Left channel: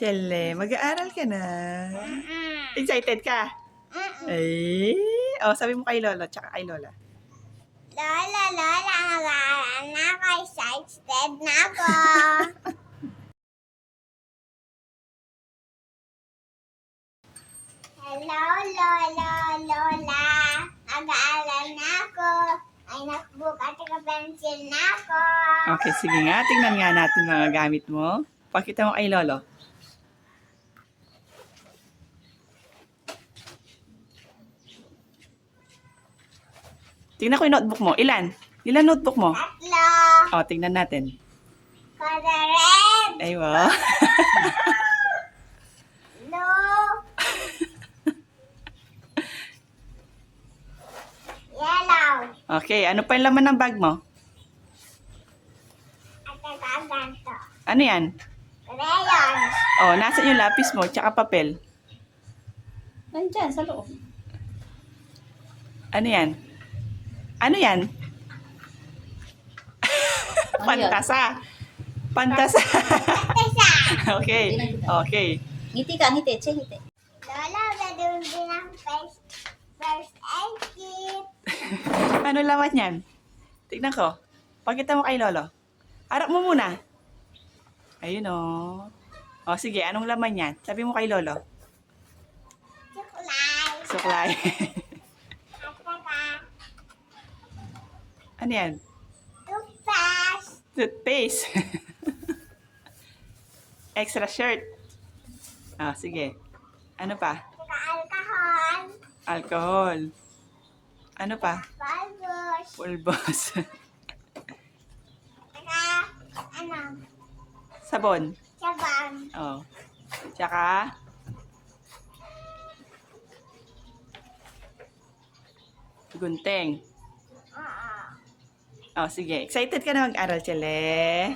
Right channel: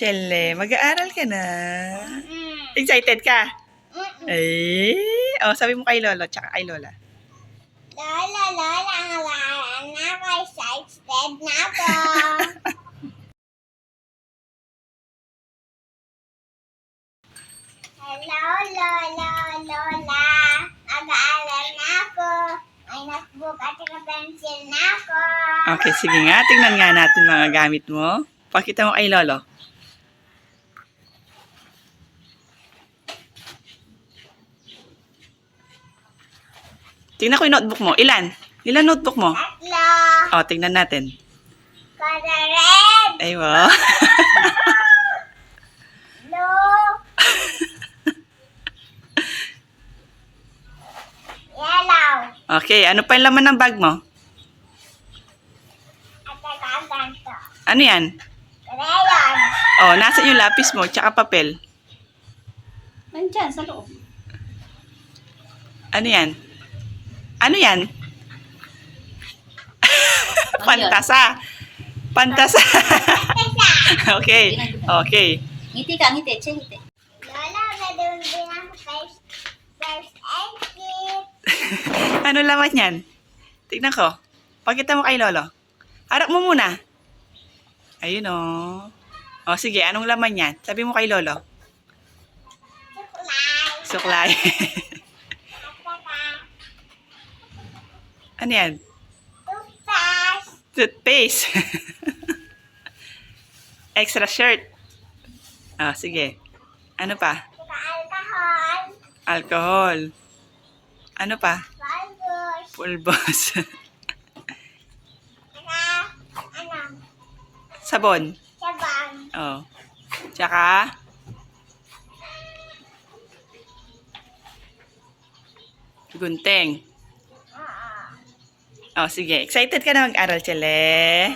Chelle, mag-aaral ka na. Excited ka? Eh, oh, sabi mo kay Lolo, tsaka kay Lola. Lola, mag-aaral na ako. Excited na ako. Hello, Lola. Mag-aaral na ako. May notebook at pencil na ako. Okay, sige nga. Tingnan nga natin mga gamit mo. Pakita mo kay Lolo. Tingnan ko yung notebook mo. Ilan? Ilan notebook mo? 3. Oh, tingnan natin. Color red. Ay, wow. Blue. Yellow. Okay, ano pa yung laman ng bag mo? At saka ganito. Ano yan? Crayon. Oh, nasa yung lapis mo, tsaka papel. Nandyan, sa loob. Ano yan? Ano yan? Pantasa. Pantasa. Okay. Okay. Ngiti ka, ngiti. Che, ngiti. Lola, gagawin din ang first aid kit. Ano laman yan? Tignan ko. Pakita mo kay Lolo. Harap mo muna. Ayun o. O sige, anong laman yan? Sabi mo kay Lolo. Suklay. Suklay. At saka Ano yan? toothpaste. Toothpaste. Extra shirt. Ah, sige. Ano pa? Saka alcohol. Alcohol. Ano pa? Pulbos. Pulbos. Saka ano? Sabon. Sabang. Oh. Tsaka gunting. Oo. Oh, sige. Excited ka na mag-aral, Chelle?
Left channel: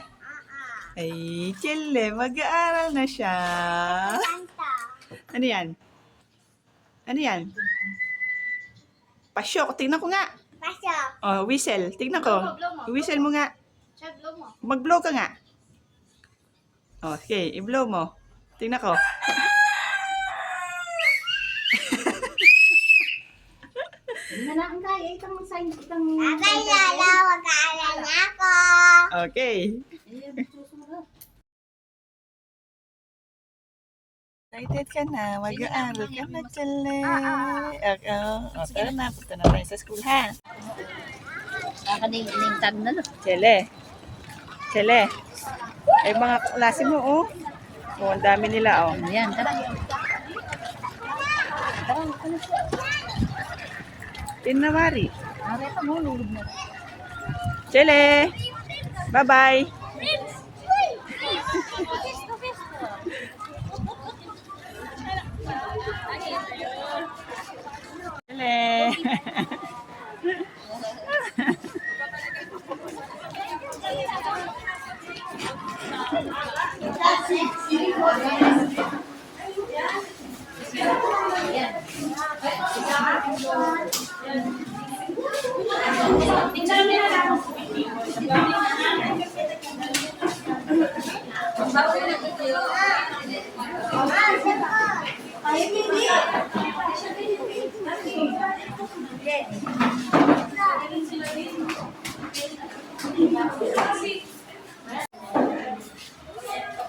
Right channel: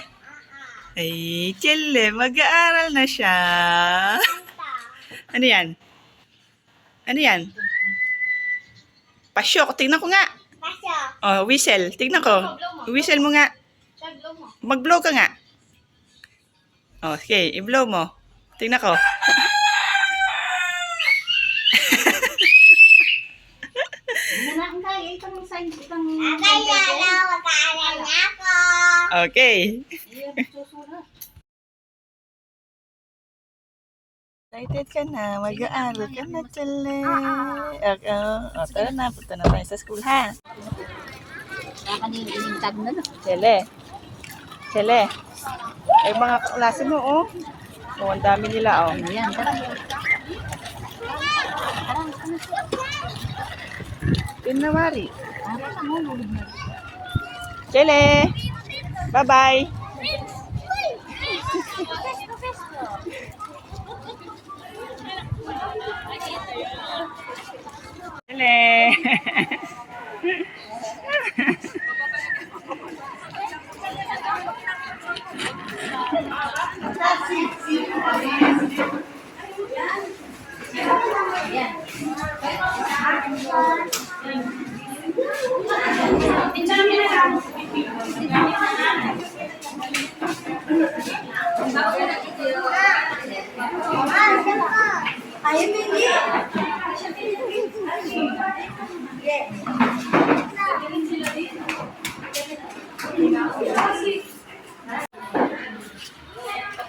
Ay, Chelle, mag-aaral na siya. Ito. Ano yan? Ano yan? Pasyok. Tingnan ko nga. Pasok. Oh, whistle. Tingnan ko. Whistle mo nga. Mag-blow ka nga. Oh, okay. I-blow mo. Tingnan ko. Nanaan tayo. Itong magsayin ko itong... Abay, Lola, mag-aaral na ako. Okay. Ayan, susunod. Excited ka na. Mag-aaral ka na, Chelle. Okay. Oh, tara na. Punta na tayo sa school, ha? Kakaning-tag na, no? Chelle. Chelle. Ay, mga klase mo, oh. Oh, ang dami nila, oh. Ayan, tara. Tara, ano siya? Pinawari. Tara ka mo, lulog na. Chelle. Bye-bye. Chelle. Ayun, baby.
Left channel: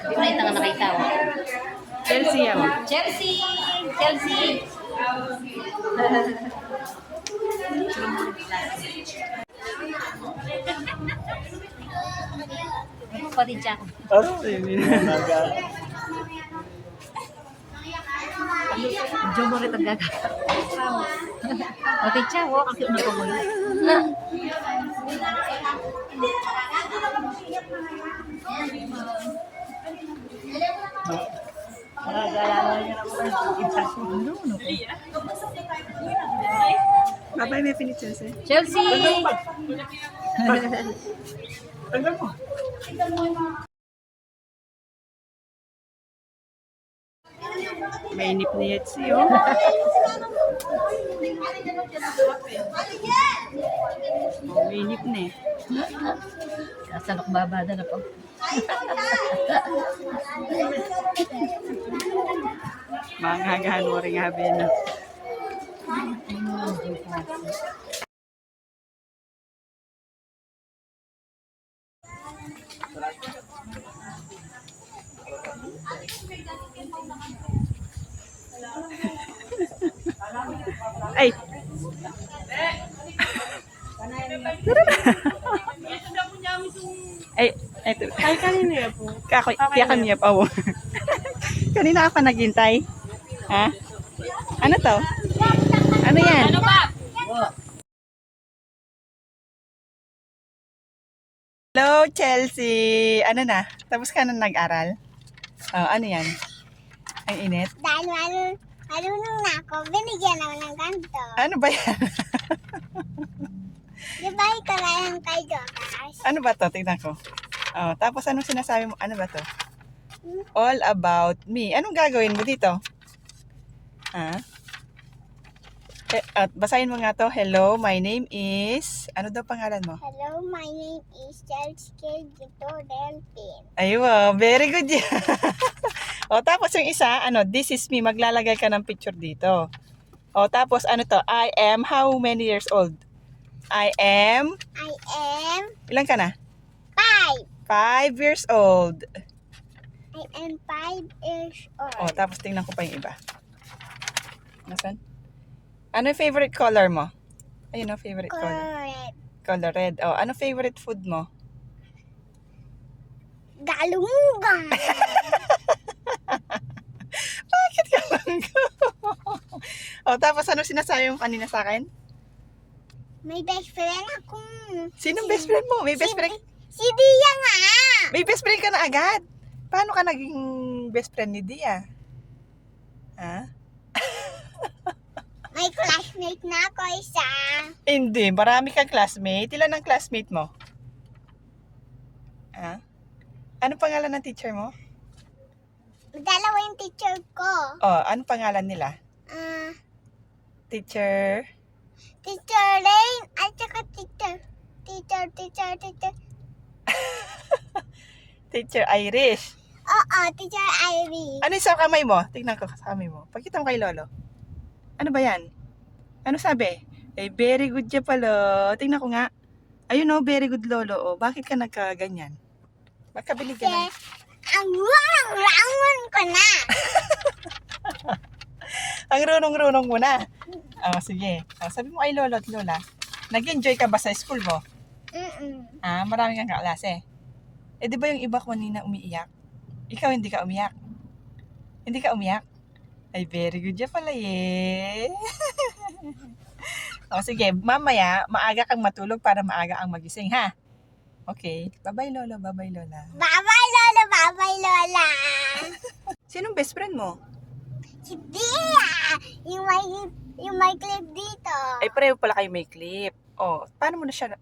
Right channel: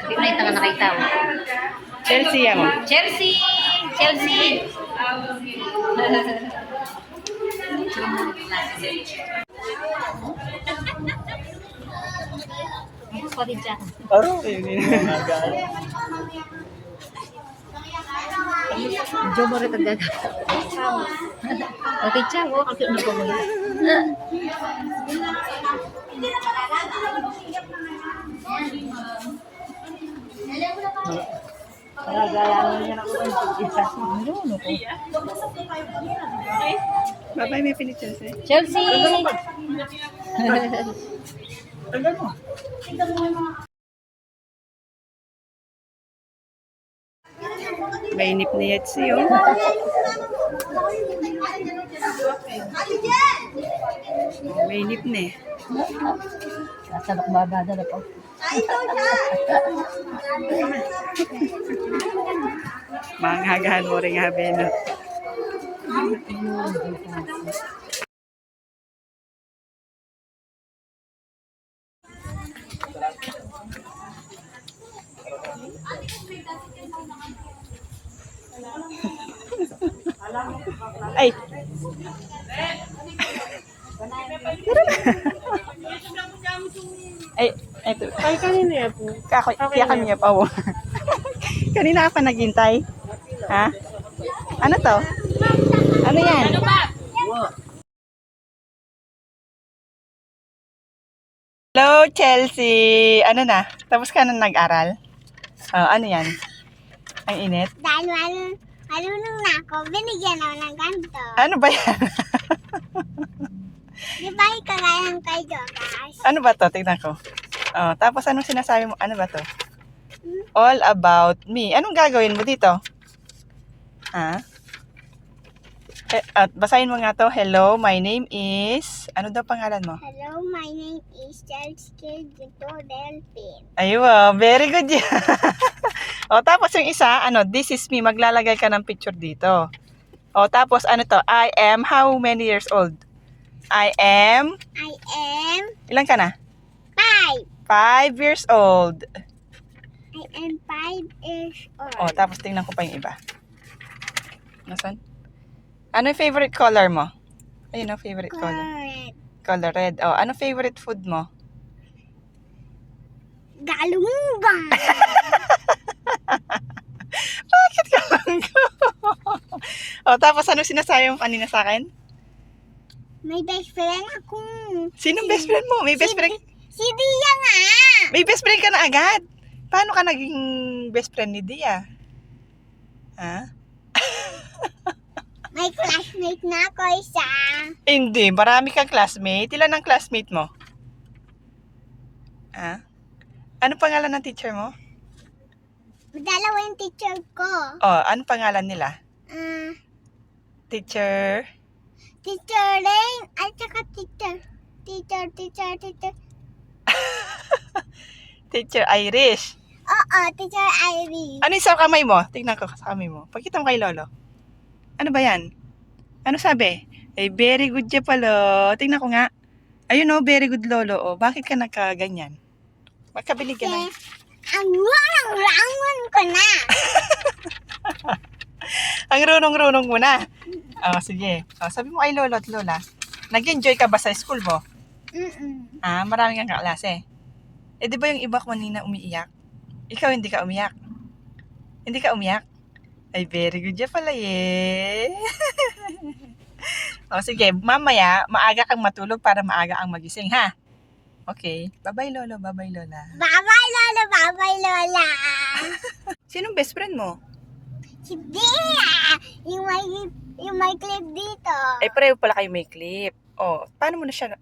Hindi mo na itang nakita, oh. Chelsea, yan mo. Chelsea! Chelsea! Ano pa din siya ako? Aro, yun. Medyo mo rin ang gaga. Okay, siya. Oh, kasi ano pa mo yun? Ano ko? Bye-bye, may pinit Chelsea. Chelsea! Tanggal mo. Mainip ni Yetsi, oh. Mainip na eh. Kasalok babada na po. Mangagahan mo rin habi, no? Ay! Ay, eto. Ay, kanina yan po. Kaya kanina pa, oh. Kanina ka pa naghintay? Ha? Ano to? Ano yan? Hello, Chelsea! Ano na? Tapos ka na nag-aral? Oh, ano yan? Ang init? Dahil marunong na ako, binigyan ako ng ganito. Ano ba yan? Di ba ikagaya ng kay Jokas? Ano ba to? Tignan ko. Oh, tapos anong sinasabi mo? Ano ba to? All about me. Anong gagawin mo dito? Ha? At basahin mo nga to. Hello, my name is... Ano daw pangalan mo? Hello, my name is Chelsea Gito Delphin. Aywa, very good yan. O, tapos yung isa, ano, this is me. Maglalagay ka ng picture dito. O, tapos ano to? I am how many years old? I am... I am Ilan ka na? 5. 5 years old. I am 5 years old. O, tapos tingnan ko pa yung iba. Nasaan? Ano yung favorite color mo? Ayun o, favorite color. Correct. Color red. O, ano favorite food mo? Galunggong. Bakit ka lang ko? O, tapos ano sinasabi mo kanina sa akin? May best friend ako. Sinong best friend mo? May best friend? Si Dia nga. May best friend ka na agad. Paano ka naging best friend ni Dia? Ha? May classmate na ako isa. Hindi, marami kang classmate. Ilan ang classmate mo? Ha? Ano pangalan ng teacher mo? Dalawa yung teacher ko. Oh, ano pangalan nila? Teacher? Teacher Rain at saka teacher. Teacher Irish. Oo, teacher Ivy. Ano yung sa kamay mo? Tingnan ko sa kamay mo. Pagkita mo kay Lolo. Ano ba yan? Ano sabi? Eh, very good siya pala. Tingnan ko nga. Ayun oh, very good Lolo. Oh, bakit ka nagkaganyan? Magkabili ka na. Ang rangon ko na. Ang runong-runong mo na. Oh, sige. Oh, sabi mo kay Lolo at Lola, nag-enjoy ka ba sa school mo? Ah, marami kang kaklase. Eh, di ba yung iba kanina umiiyak? Ikaw hindi ka umiyak. Hindi ka umiyak? Ay, very good ya pala eh. O, sige. Mamaya, maaga kang matulog para maaga ang magising, ha? Okay. Bye-bye, Lolo. Bye-bye, Lola. Bye-bye, Lola. Bye-bye, Lola. Sinong best friend mo? Si Dia. Yung may clip dito. Ay, pareho pala kayo may clip. Oh, paano mo siya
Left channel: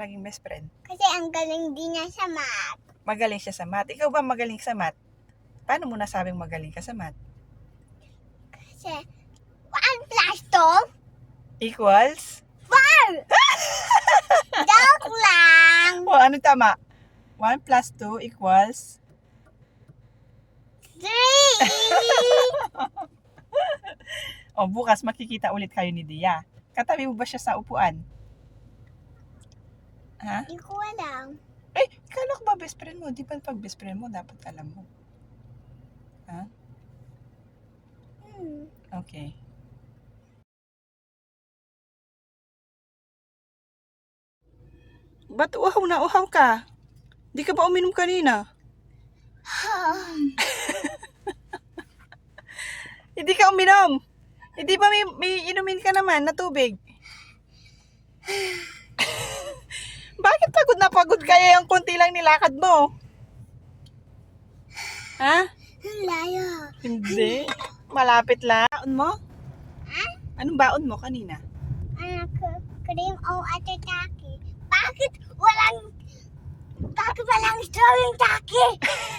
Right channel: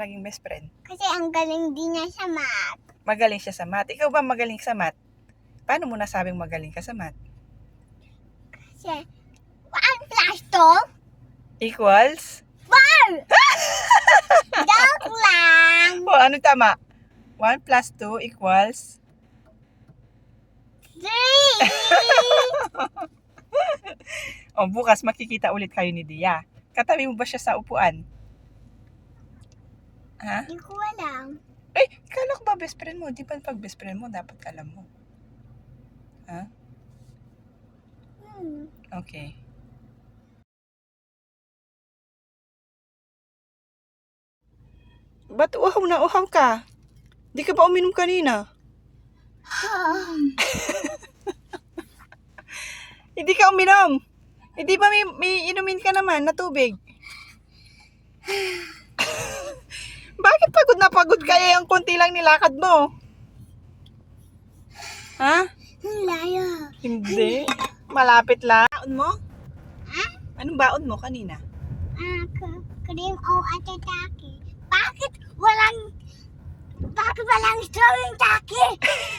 naging best friend? Kasi ang galing din niya sa math. Magaling siya sa math. Ikaw ba magaling sa math? Paano mo nasabing magaling ka sa math? Kasi 1 plus 2. Equals? 4. Joke lang. Oh, ano tama? 1 plus 2 equals? 3. Oh, bukas makikita ulit kayo ni Dia. Katabi mo ba siya sa upuan? Ha? Hindi ko alam. Eh, kala ko ba best friend mo? Di ba pag best friend mo, dapat alam mo. Ha? Okay. Ba't uhaw ka? Di ka ba uminom kanina? Hindi ka uminom. Hindi ba may inumin ka naman na tubig? Bakit pagod na pagod kaya yung konti lang nilakad mo? Ha? Ang layo. Hindi. Malapit lang. Baon mo? Ha? Anong baon mo kanina? Cream o atataki. Bakit walang Bakit walang straw yung Jackie?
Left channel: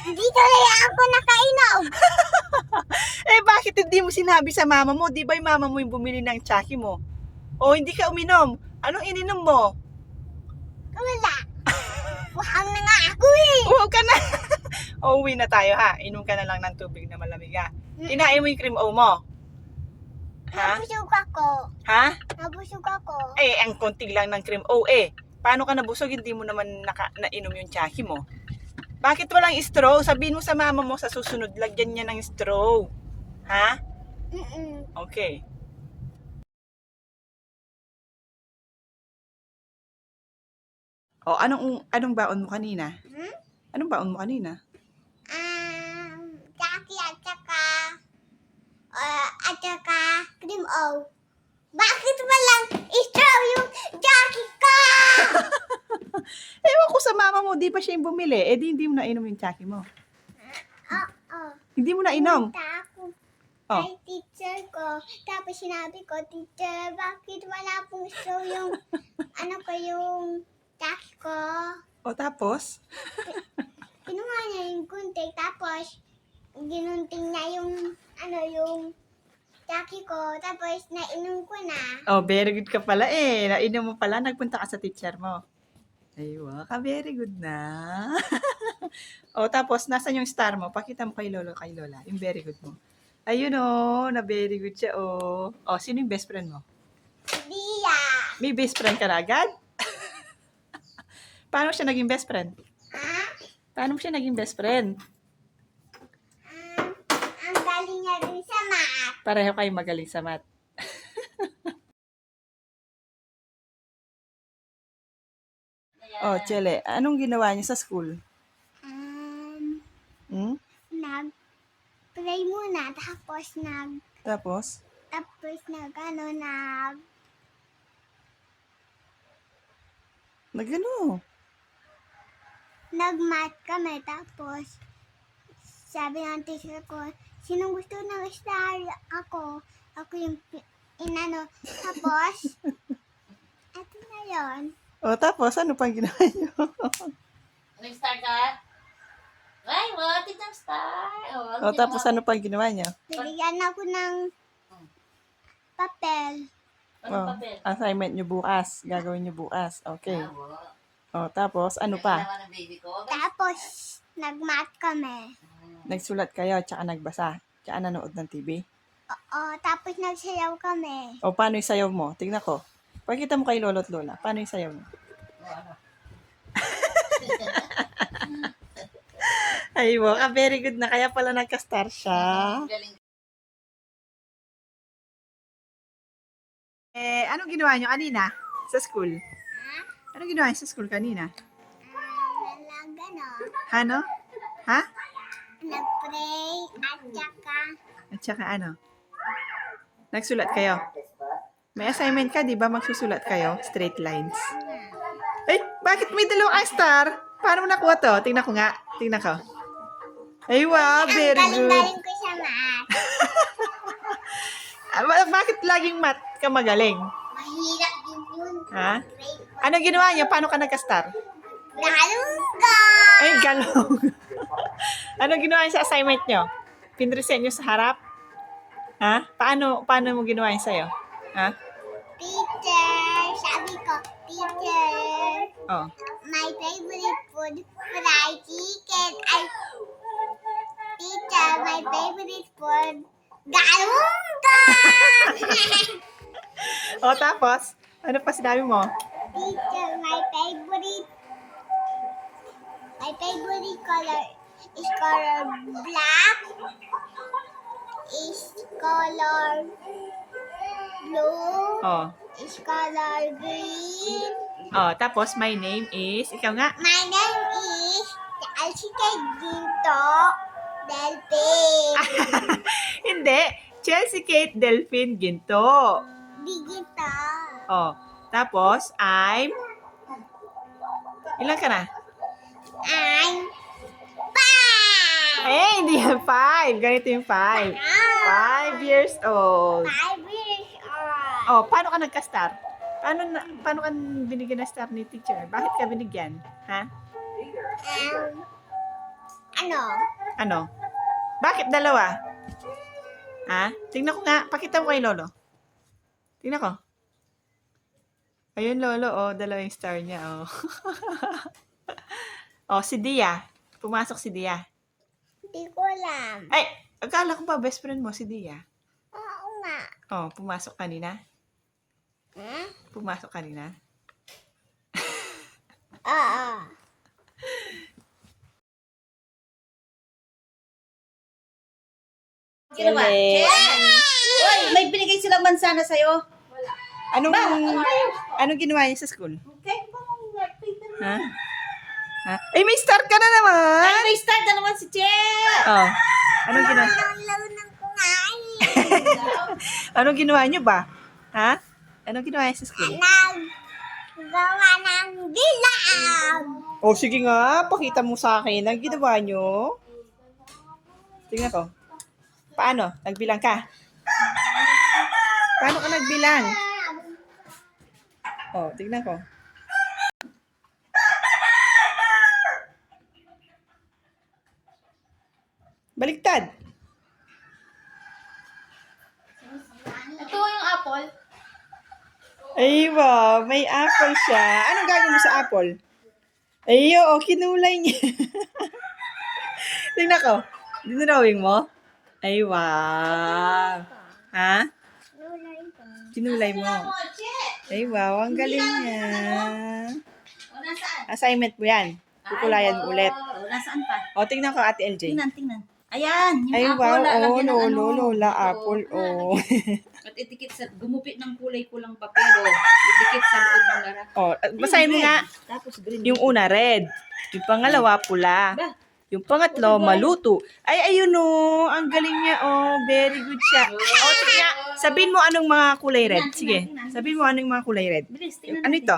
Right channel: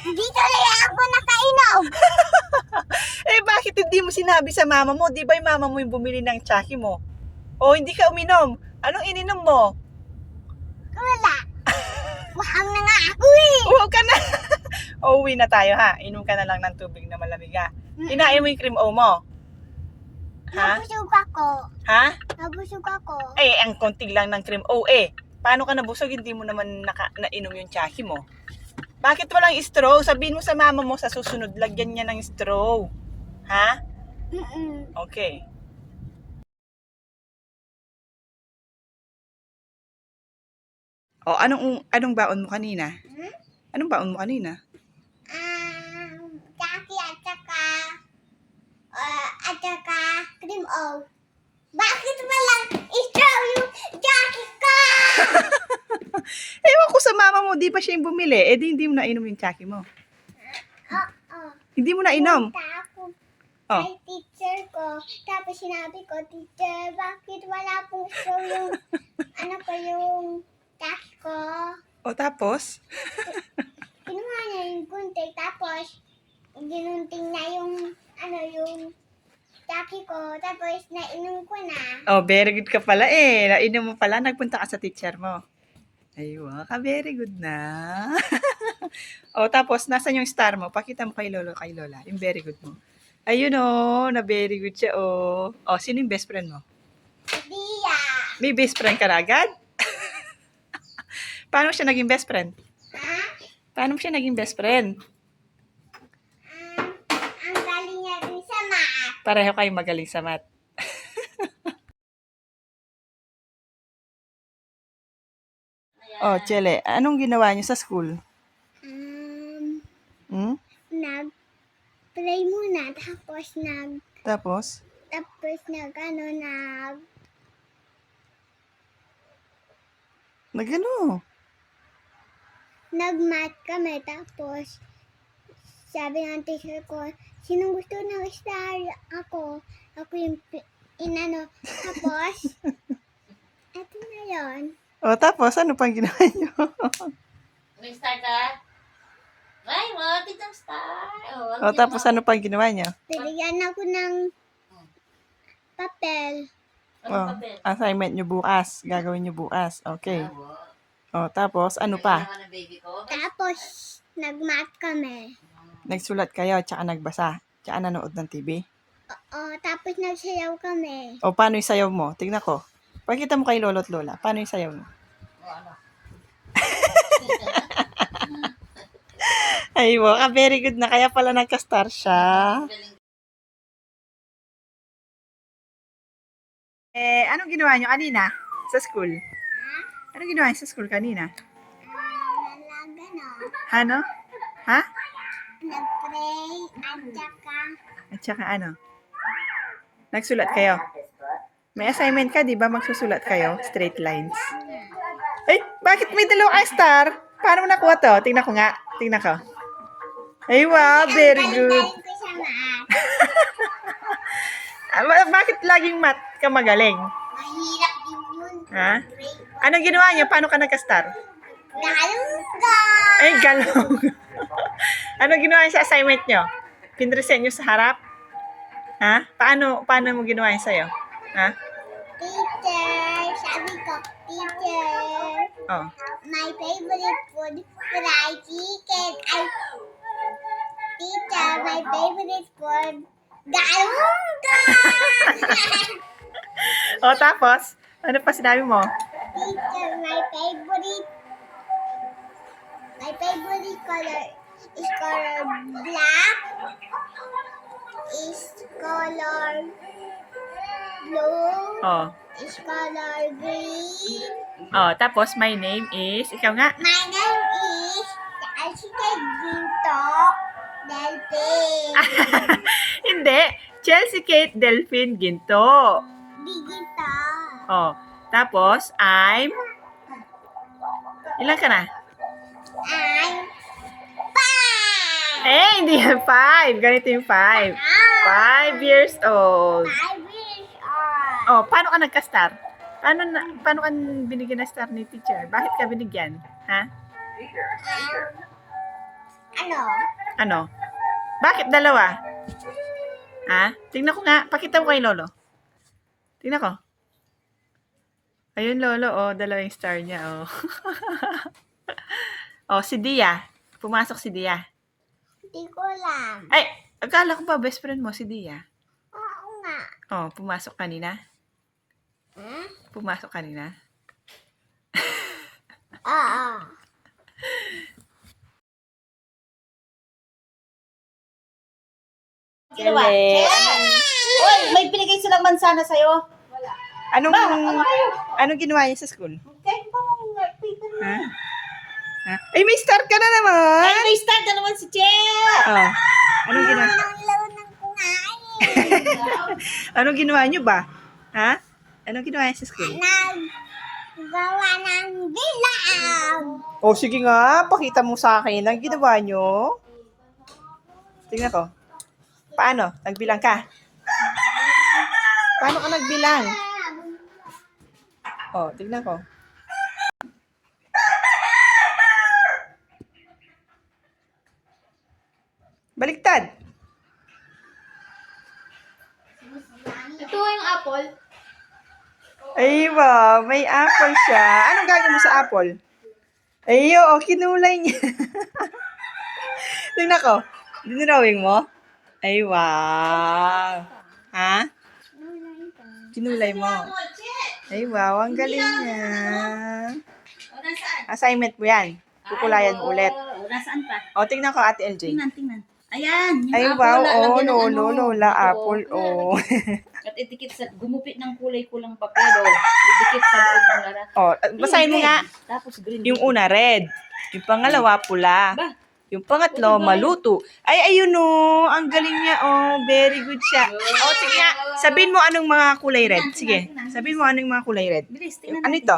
Hindi talaga ako nakainom. Eh, bakit hindi mo sinabi sa mama mo? Di ba yung mama mo yung bumili ng tsaki mo? O, hindi ka uminom. Anong ininom mo? Wala. Wahang na nga ako eh. Huwag ka na. O, uwi na tayo ha. Inom ka na lang ng tubig na malamig ha. Kinain mo yung cream o mo. Ha? Nabusog ako. Ha? Nabusog ako. Eh, ang konti lang ng cream o eh. Paano ka nabusog? Hindi mo naman nainom yung tsaki mo. Bakit walang straw? Sabihin mo sa mama mo sa susunod, lagyan niya ng straw. Ha? Okay. O, anong baon mo kanina? Anong baon mo kanina? Jackie at saka cream o. Bakit walang straw yung Jackie ka? Ewan ko sa mama mo, di ba siya yung bumili? Eh, di hindi mo nainom yung tsaki mo. Oo. Hindi mo nainom. Punta ako Oh. kay teacher ko. Tapos sinabi ko, teacher, bakit wala pong straw yung, yung Jackie ko? O, tapos? Kinuha niya yung kunti. Tapos, ginunting na yung, yung Jackie ko. Tapos, nainom ko na. Oh, very good ka pala eh. Nainom mo pala, nagpunta ka sa teacher mo. Aywa ka, very good na. O, tapos, nasan yung star mo? Pakita mo kay lolo, kay lola. Yung very good mo. Ayun o, na very good siya o. O, sino yung best friend mo? Dia. May best friend ka na agad? Paano siya naging best friend? Ha? Paano siya naging best friend? Ang galing niya rin sa math. Pareho kayo magaling sa math. Oh, Chele, anong ginawa niyo sa school? Hmm? Nag-play muna. Tapos, Tapos? Nagano? nag-math kami. Tapos, sabi ng teacher ko, sinong gusto ng star? Ako. Ako yung Tapos, eto na yun. O, tapos, ano pang ginawa niyo? Nag-star ka? Ay, wow, titang star. O, tapos, ano pang ginawa niyo? Bibigyan ako ng papel. Oh, assignment niyo bukas. Gagawin niyo bukas. Okay. O, tapos, ano pa? Tapos, nag-math kami. Nagsulat kayo, tsaka nagbasa. Tsaka nanood ng TV. Oo, tapos nagsayaw kami. O, paano yung sayaw mo? Tingnan ko. Pakita mo kay lolo at lola. Paano yung sayaw mo? Ay, ka very good na. Kaya pala nagka-star siya. Eh, anong ginawa niyo kanina sa school? Anong ginawa niyo sa school kanina? Ano? Ha? Nag-pray At saka ano? Nagsulat kayo? May assignment ka, di ba? Magsusulat kayo? Straight lines. Ay, bakit may dalawang star? Paano mo nakuha to? Tingnan ko nga. Tingnan ko. Ay, wow. Very good. Galing ko sa math. Bakit laging math ka magaling? Mahirap din yun. Ha? Anong ginawa niyo? Paano ka nagka-star? Galong ka! Ay, galong. Anong ginawa niyo sa assignment niyo? Pinresent niyo sa harap? Ha? Paano mo ginawa yun sa'yo? Ha? Teacher, sabi ko, teacher, Oh. my favorite food, fried chicken. Ay, teacher, my favorite food, galong ka! O, tapos? Ano pa sinabi mo? Teacher, my favorite color is color black, is color blue, Oh. is color green. Oh, tapos my name is, ikaw nga. My name is Chelsea Ginto Delphin. Hindi. Chelsea Kate Delphine Ginto. Digito. Oh. Tapos, ilan ka na? I'm 5. Eh, hindi yan 5. Ganito yung 5. 5 years old. 5 years old. Oh, paano ka nagka-star? Paano ka binigyan ng star ni teacher? Bakit ka binigyan? Ha? Ano? Ano? Bakit dalawa? Ha? Tingnan ko nga. Pakita mo kay Lolo. Tingnan ko. Ayun, Lolo. Oh, dalawa yung star niya. Oh. Oh, si Dia. Pumasok si Dia. Hindi ko alam. Ay, akala ko ba best friend mo si Dia? Oo nga. Oh, pumasok kanina? Hmm? Pumasok kanina? Oo. Sino ba? Ele. Uy, may binigay silang mansana sa'yo. Anong ginawa niya sa school? Kahit pa mong paper mo. Ha? Ha? Ay, may star ka na naman! Ay, may start na naman si Che! Oh. Anong ginawa? Ang laro ng kumain. Anong ginawa niyo ba? Ha? Anong ginawa niya sa school? Naggawa ng bilang. Oh, sige nga. Pakita mo sa akin ang ginawa niyo. Tingnan ko. Paano? Nagbilang ka? Paano ka nagbilang? Oh, tignan ko. Baliktad. Ito yung apple. Ay, wow. May apple siya. Anong gagawin mo sa apple? Ay, oo. Kinulay niya. Tingnan ko. Dinrawing mo? Ay, wow. Ha? Kinulay mo. Ay, wow. Ang galing niya. O, nasaan? Assignment mo yan. Kukulayan mo ulit. O, nasaan pa? O, tingnan ko, Ate LJ. Tingnan. Ayan, yung Ay, apple. wow. lalagyan Oh, ng lolo, ano. lola, Oo. apple. Oh. At itikit sa, gumupit ng kulay kulang papel, o. Idikit sa loob ng lara. Oh, basahin mo Red. nga. Tapos green. Yung una, red. Yung pangalawa, pula. Ba? Yung pangatlo, maluto. Ay, ayun o. Ang galing niya, oh. Very good siya. Oh, sige nga. Sabihin mo anong mga kulay red. Sige. Sabihin mo anong mga kulay red. Bilis, tingnan Ano natin. ito?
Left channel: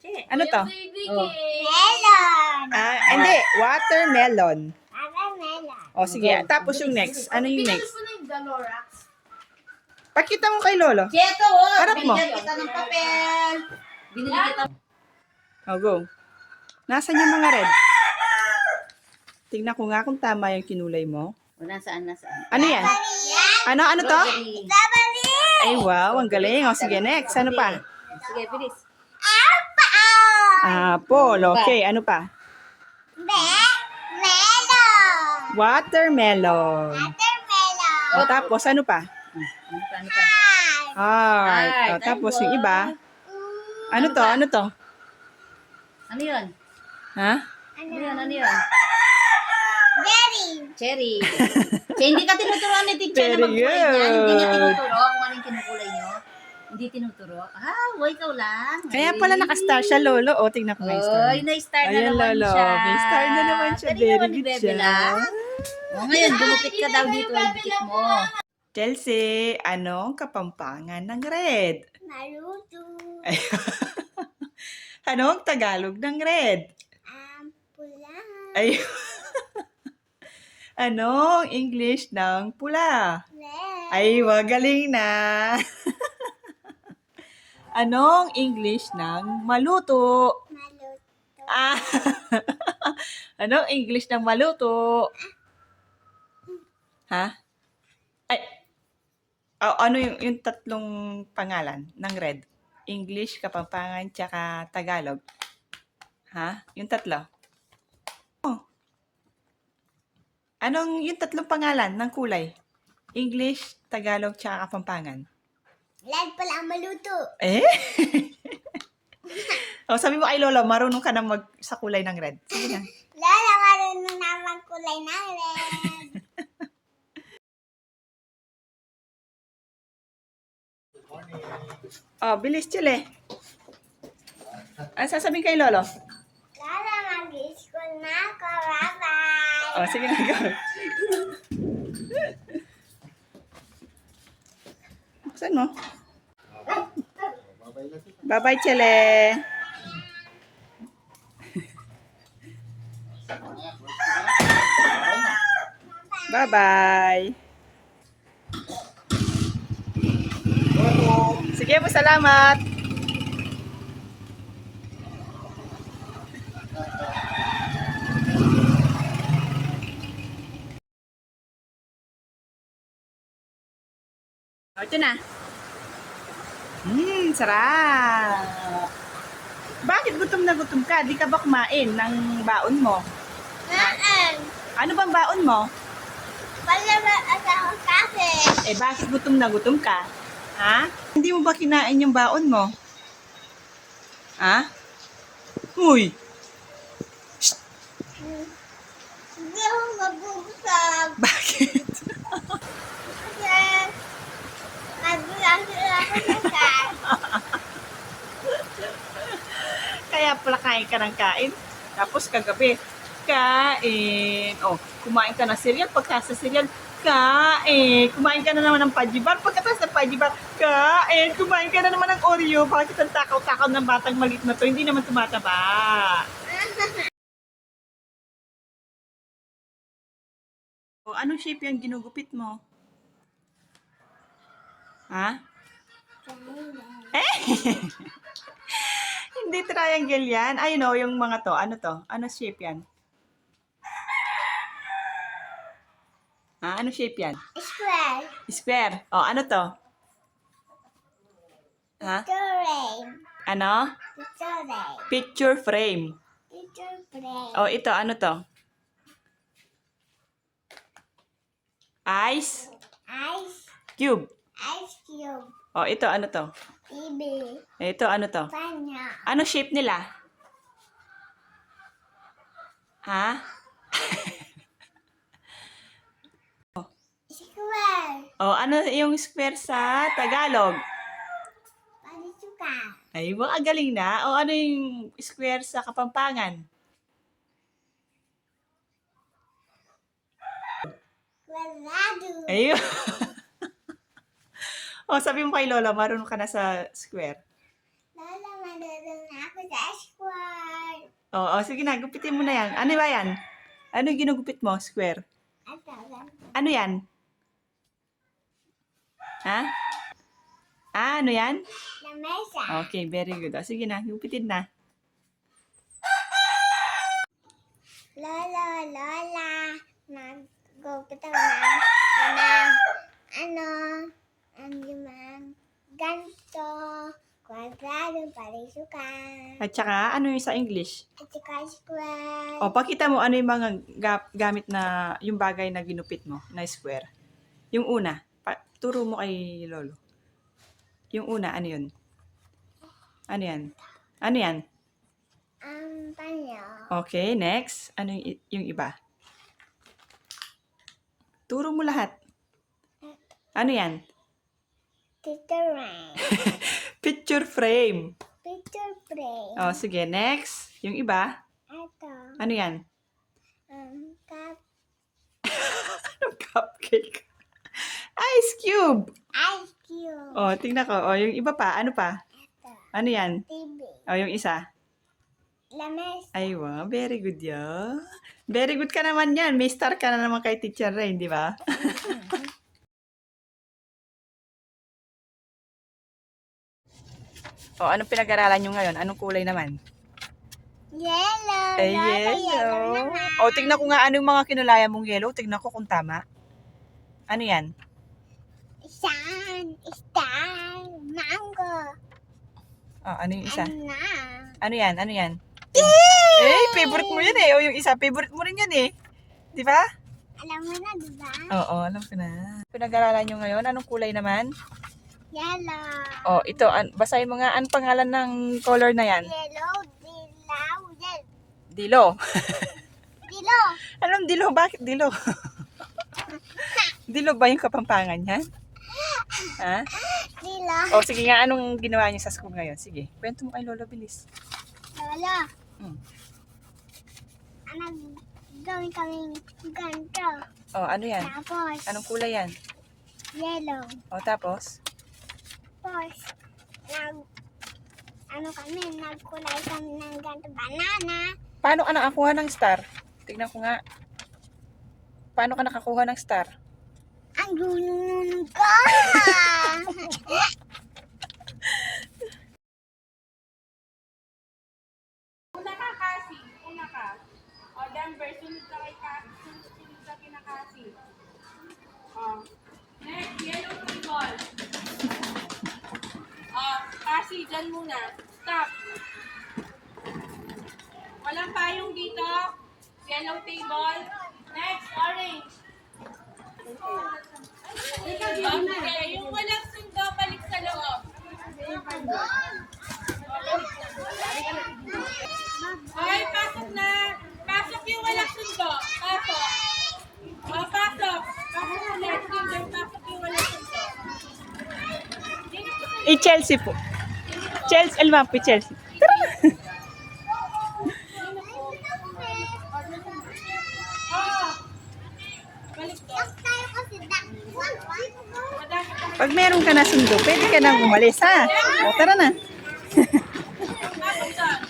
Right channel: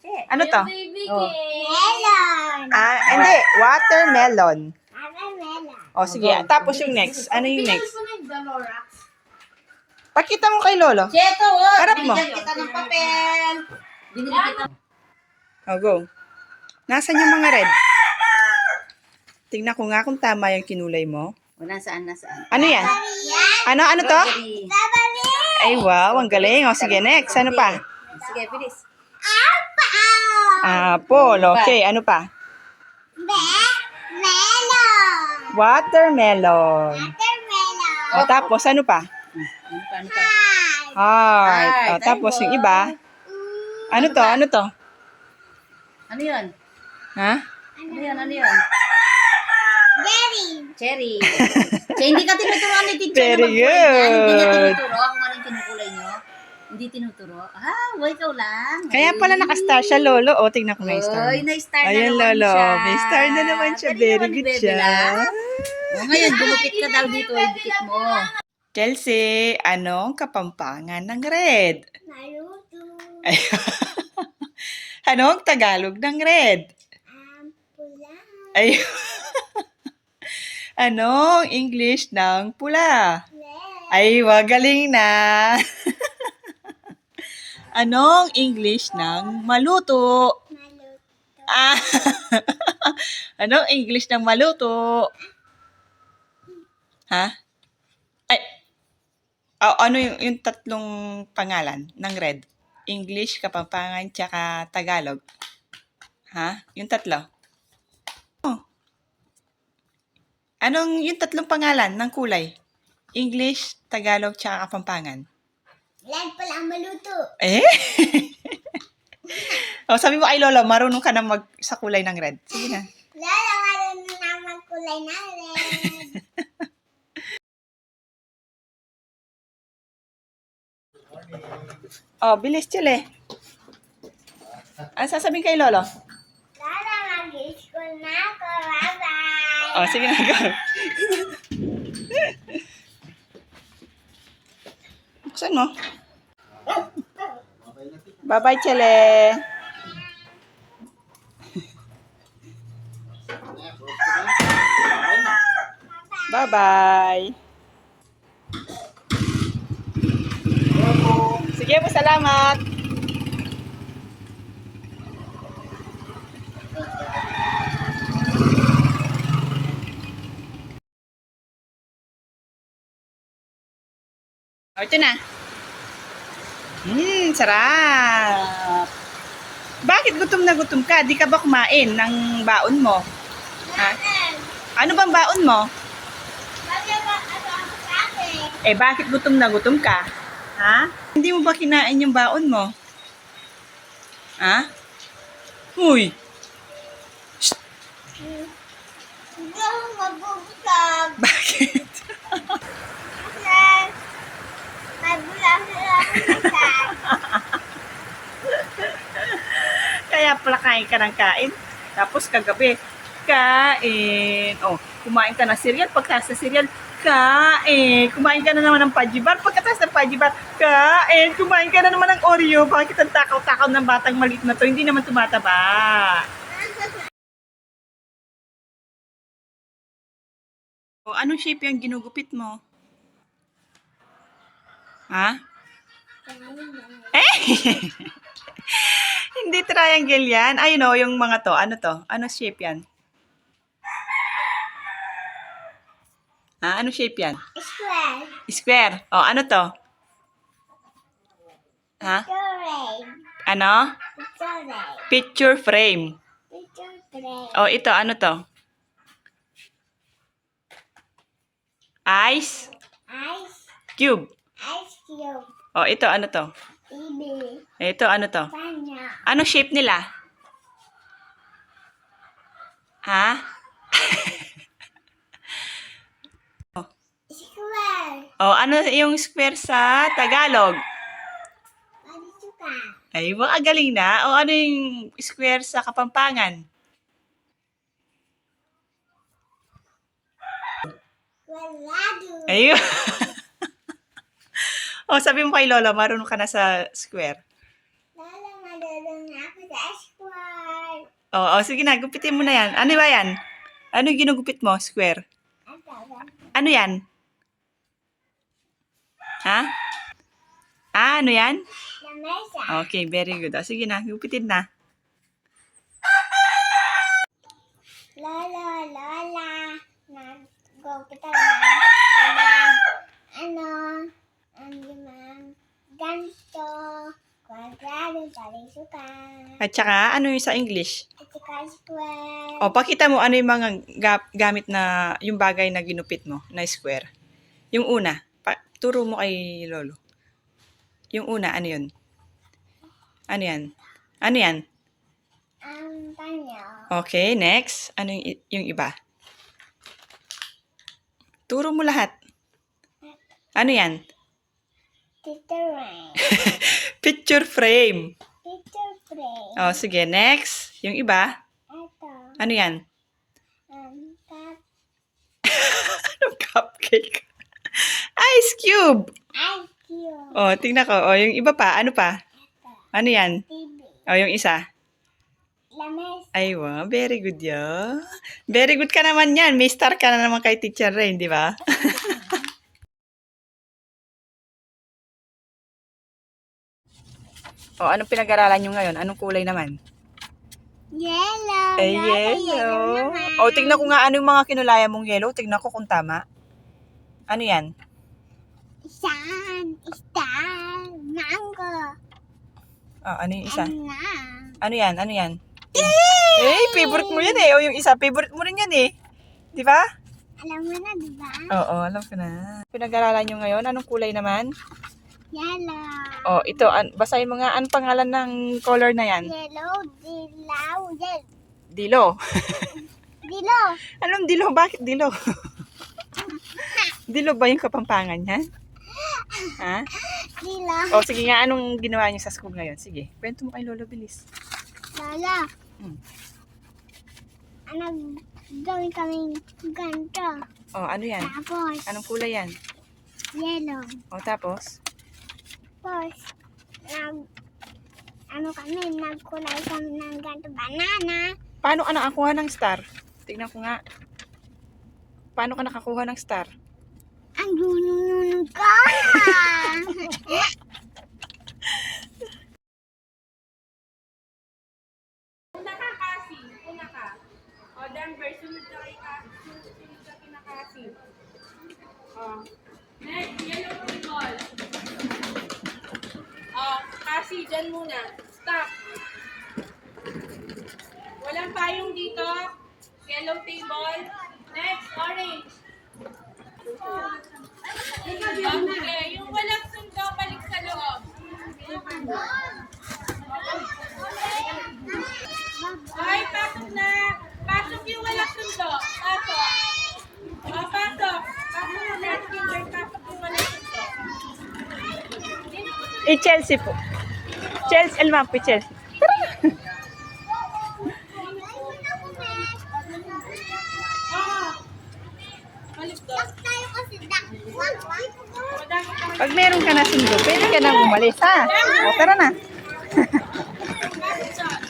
Che. Ano to? Baby Oh. cake. Melon. Ah, hindi. Watermelon. Melon. Oh, sige. Tapos yung next. Ano yung next? Ito na yung Valorax. Pakita mo kay Lolo. Che, ito, o. Harap mo. Binigyan kita ng papel. Binili kita. Oh, go. Nasaan yung mga red? Tingnan ko nga kung tama yung kinulay mo. O, nasaan? Ano yan? Ano to? Strawberry. Ay, wow. Ang galing. Oh, sige, next. Ano pa? Sige, bilis. Apple. Okay, ano pa? Melon. Watermelon. Watermelon. O, tapos ano pa? Ano pa? Heart. O, Heart. tapos Ay, yung iba? Ano to? Ano to? Ano yun? Ha? Ano yun? Berry. Cherry. Che, hindi ka tinuturuan ni teacher Very na magkulay niyan. Hindi niya good. tinuturo kung ano yung kinukulay niyo. Hindi tinuturo. Ikaw lang. Kaya pala nakastar siya, Lolo. O, tingnan ko nga yung star. Oy, na-star na Ayan, naman Lolo. siya. May star na naman siya. Galing Very naman ni good Bebe siya. lang. O, ngayon, gumupit ka daw dito. Ay, dikit mo. Chelsea, anong kapampangan ng red? Naruto. Ay, anong Tagalog ng red? Pula. Ay, anong English ng pula? Red. Ay, magaling na. Anong English ng maluto? Maluto. Ah, anong English ng maluto? Ha? Ay, ano yung tatlong pangalan ng red? English, Kapampangan, tsaka Tagalog. Ha? Yung tatlo. Oh. Anong yung tatlong pangalan ng kulay? English, Tagalog, tsaka Kapampangan. Red pala ang maluto. Eh? O, sabi mo kay Lolo, marunong ka na sa kulay ng red. Sige na. Lala, marunong naman kulay ng red. Oh, bilis, Chile. Ano sasabihin kay Lolo? Lala, mag-school na ako. Bye-bye. Oh, sige na, go. Buksan mo. Bye-bye, Chile. Bye-bye. Sige po, salamat. O, ito na. Sarap. Bakit gutom na gutom ka? Di ka ba kumain ng baon mo? Ha? Ano bang baon mo? Wala ba ako sa akin? Eh, bakit gutom na gutom ka? Ha? Hindi mo ba kinain yung baon mo? Ha? Uy! Hindi ako mabubusog. Bakit? Kasi mabulang sila ako sa Kaya pala kain ka ng kain. Tapos kagabi, kain. Oh, kumain ka ng cereal. Pagkatapos ng cereal, kain. Kumain ka na naman ng pajibar. Pagkatapos ng pajibar, kain. Kumain ka na naman ng Oreo. Bakit ang takaw-takaw ng batang maliit na to? Hindi naman tumataba. O, anong shape yung ginugupit mo? Ha? Eh! Hindi triangle yan. Ayun o, yung mga to. Ano to? Ano shape yan? Ha? Ano shape yan? square. Square. O, ano to? Ha? Frame. Ano? Frame. Picture frame. Frame. O, ito. Ano to? Ice Ice. cube. Ice cube. O, ito. Ano to? TV. Ito. Ano to? Panya. Ano shape nila? Ha? Square. O, ano yung square sa Tagalog? Panisuka. Ay, baka galing na. O, ano yung square sa Kapampangan? Walado. Ayun. O, sabi mo kay Lola, marunong ka na sa square. Lola, madulong na ako sa square. O, sige na, gupitin mo na yan. Ano ba yan? Ano yung ginugupit mo? Square. Ano yan? Ha? Ano yan? Lamesa. Okay, very good. O, sige na, gupitin na. Lola, nag-go kita naman. Ganito, kwadrado, parisukan, At saka, ano yung sa English? at saka square. O, pakita mo ano yung mga gamit na, yung bagay na ginupit mo na square. Yung una, turo mo kay Lolo. Yung una, ano yun? Ano yan? Ano yan? Ang panyo. Okay, next. Ano yung iba? Turo mo lahat. Ano yan? Picture frame. Picture frame. Picture frame. O, sige, next. Yung iba? Ito. Ano yan? Cup. Anong cupcake? Ice cube. Ice cube. O, tingnan ko. O, yung iba pa. Ano pa? Ito. Ano yan? TV. O, yung isa. Lamesa. Ay, wow. Very good yan. Very good ka naman yan. May star ka na naman kay Teacher Rain, di ba? O, anong pinag-aralan nyo ngayon? Anong kulay naman? Yellow. Ay, Lola, yellow. naman. O, tignan ko nga ano yung mga kinulaya mong yellow. Tignan ko kung tama. Ano yan? Star. Mango. O, ano yung isa? Ano? Ano yan? Ano yan? Eh, favorite mo yan eh. O, yung isa, favorite mo rin yan eh. Di ba? Alam mo na, diba? Oo, alam ko na. Pinag-aralan nyo ngayon, anong kulay naman? Yellow. O, ito, basahin mo nga, anong pangalan ng color na yan? Yellow, dilaw, Dilo. dilaw. Anong dilo? Bakit dilo? Dilo ba yung Kapampangan yan? Ha? Dilaw. O, sige nga, anong ginawa niyo sa school ngayon? Sige, kwento mo kay Lolo, bilis. Lala. Hmm. Gawin kaming ganito. O, ano yan? Tapos, Anong kulay yan? yellow. O, tapos? Tapos, nagkulay kami ng ganito, banana. Paano ka nakakuha ng star? Tignan ko nga. Paano ka nakakuha ng star? Ang dunununod ka! Una ka kasi, una ka. O, Denver, sunod ka kay kasi. Sunod ka kinakasi. O. Next, yellow football. Kasi dyan muna. Stop. Walang payong dito. Yellow table. Next, orange. Okay, yung walang sundo, balik sa loob. Ay, pasok na. Pasok yung walang sundo. Pasok. Pasok. Pasok na. Let's go. Pasok yung walang sundo. Chelsea po. Chelsea, Elmapi, Chelsea. Balik doon. Tayo kasi dakwan. Madami ka. Pag meron ka na sundo, pwede ka nang umalis, ha? O, tara na.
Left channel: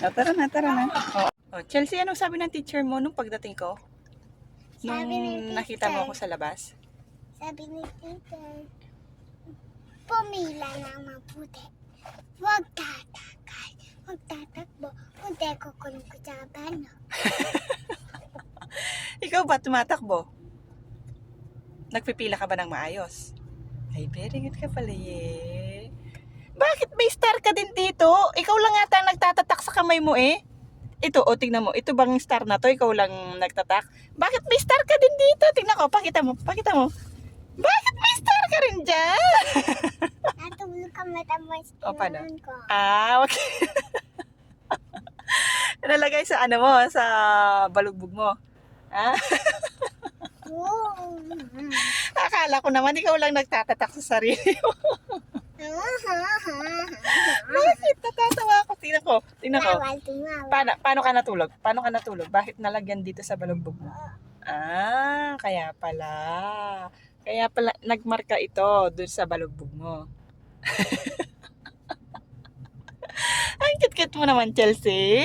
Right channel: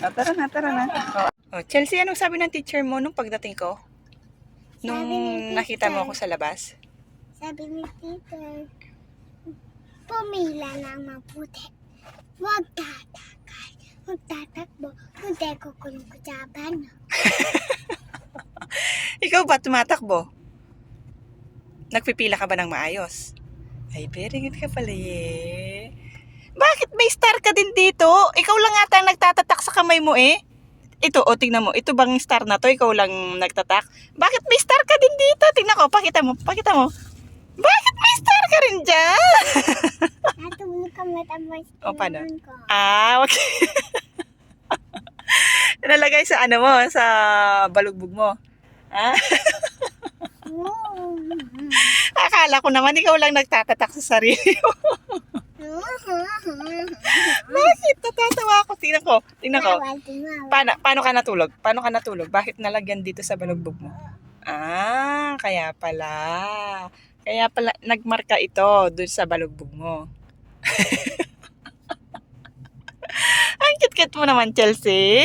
O, tara na. O, Chelsea, anong sabi ng teacher mo nung pagdating ko? Nung Sabi ni nakita mo teacher. ako sa labas? Sabi ni teacher, pumila ng mabuti. Huwag tatakay. Huwag tatakbo. Hindi kukulong ko sa bano. Ikaw ba tumatakbo? Nagpipila ka ba ng maayos? Ay, very good ka pala eh. Bakit may star ka din dito? Ikaw lang ata ang nagtatatak sa kamay mo eh. Ito, o tingnan mo. Ito bang star na to? Ikaw lang nagtatak? Bakit may star ka din dito? Tingnan ko, pakita mo. Bakit may star ka rin dyan? Natulog ka matapos O, paano? tinanong ko. Okay. Nalagay sa ano mo, sa balugbog mo. Ah, akala ko naman ikaw lang nagtatatak sa sarili mo. Bakit? Natatawa ako. Tingnan ko. Paano ka natulog? Bakit nalagyan dito sa balugbog mo? Ah, kaya pala. Nagmarka ito dun sa balugbog mo. Ang cute-cute mo naman, Chelsea.